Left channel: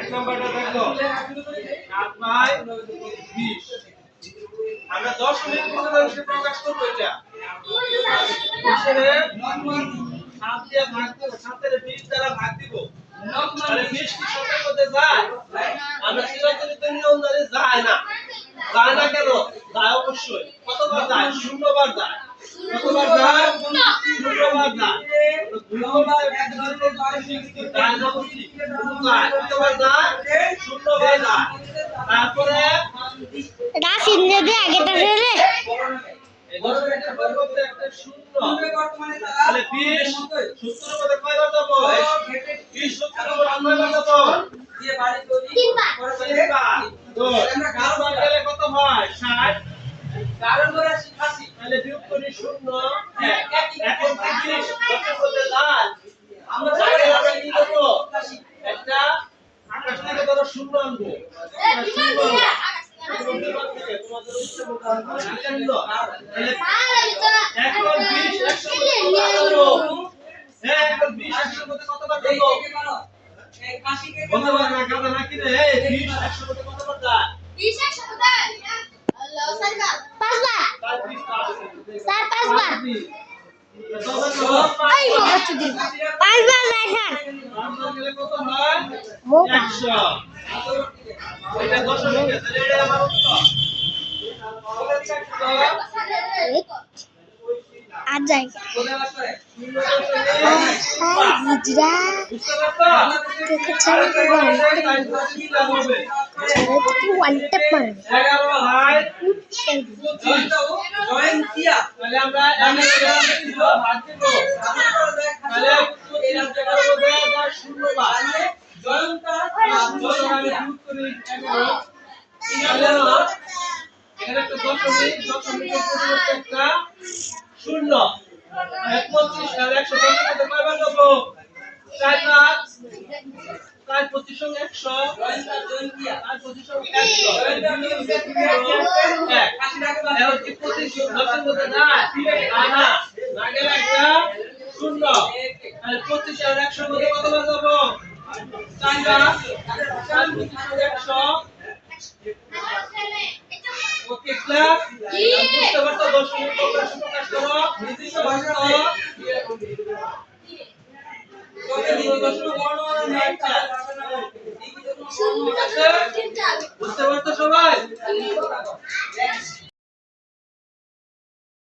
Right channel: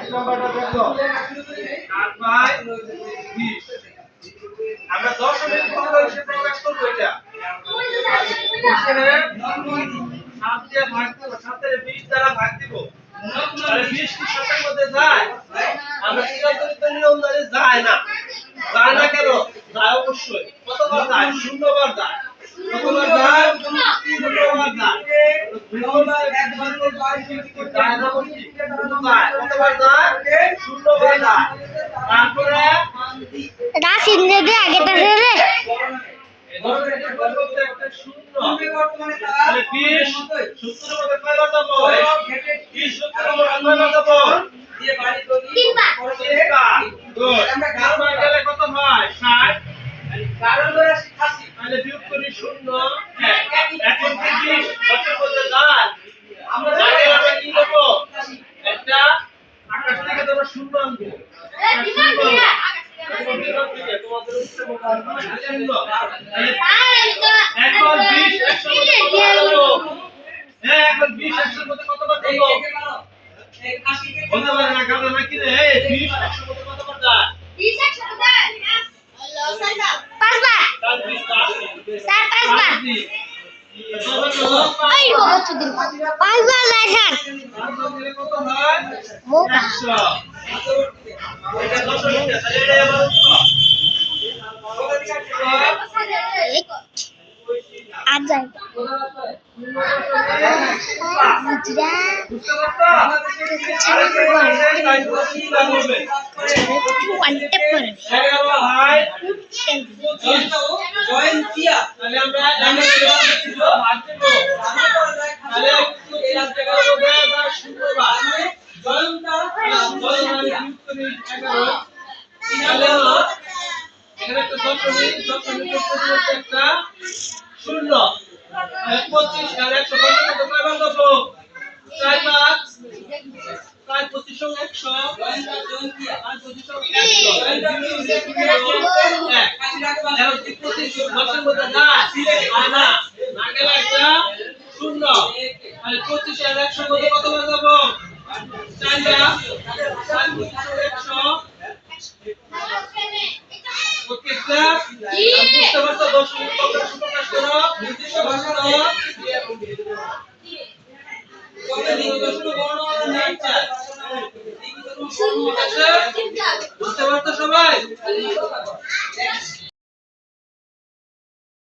এক নাম্বারটা দেখো 8 বাই 20 আমরা দশমিক ভগ্নাংশে প্রকাশ করব এটা হিসেবে 7 দিয়ে ভাগ দেব 7 এর 20 দ্বারা ভাগ দিব তাহলে 20 কি 7 এর মধ্যে যায় আমরা চিরাচরিত নিয়ম জানি যায় না কেন যায় অবশ্যই কতবার যায় 0 বার যায় কতবার যায় 0 বার যায় দুইবার একবার যায় না বলছি যায় কতবার যায় 0 বার যায় তারপরে রাশি যদি আগে তাহলে একটা শূন্য তাহলে 20 70 মধ্যে কয়বার যাব 20 70 মধ্যে কয়বার যাব দিয়ে বাড়ি তৈরি তিনবার গুড আমরা গেলে কত হয় 60 কারণ ধরে 80 তাহলে বিয়োগ করি 0 এখন কি 20 10 মধ্যে যায় আমরা জানি আমরা কি দেব একটা আকাশ থেকে ধরো 0 আনবো তোমাদের উত্তর মতো এখন 20 100 মধ্যে কতবার দেব বলতে পারে না কারণ নাকি রে 20 100 মধ্যে কতবার যায় 20 100 মধ্যে আল্লাহ সাইবা পাঁচবার তার 20 স্যার পাঁচবার এই হচ্ছে দিন পাঁচবার লেখান পাঁচবার গেলে কত হয় 100 এটা 10 মিনিট তাহলে এটা আমার উত্তর আর যাই হিজরা ওয়ান টেপ মারবে জয়েন কিয়া তাহলে আমরা ভাগ দেব তাহলে 25 টাকার মধ্যে আমরা 0 বার জয়েনটা বিয়োগ করি 11 তাহলে এখানে একটা দশমিক পরিবর্তে একটা শূন্য 25 আর 100 কত কয়বার দেব 4 বার 4 25 সঙ্গে 100 আর 25 সঙ্গে 100 এখন কি 25 দশের মধ্যে না না গেলে একটা শূন্য তাহলে 25 আর 100 মধ্যে কতবার দেব 4 বার 4 25 সঙ্গে 100 ওকে ক্লাস বুঝতে পারছো দশমিক ভগ্নাংশ প্রকাশ করো নির্দিষ্ট ভাষা বুঝতে পারছো সবাই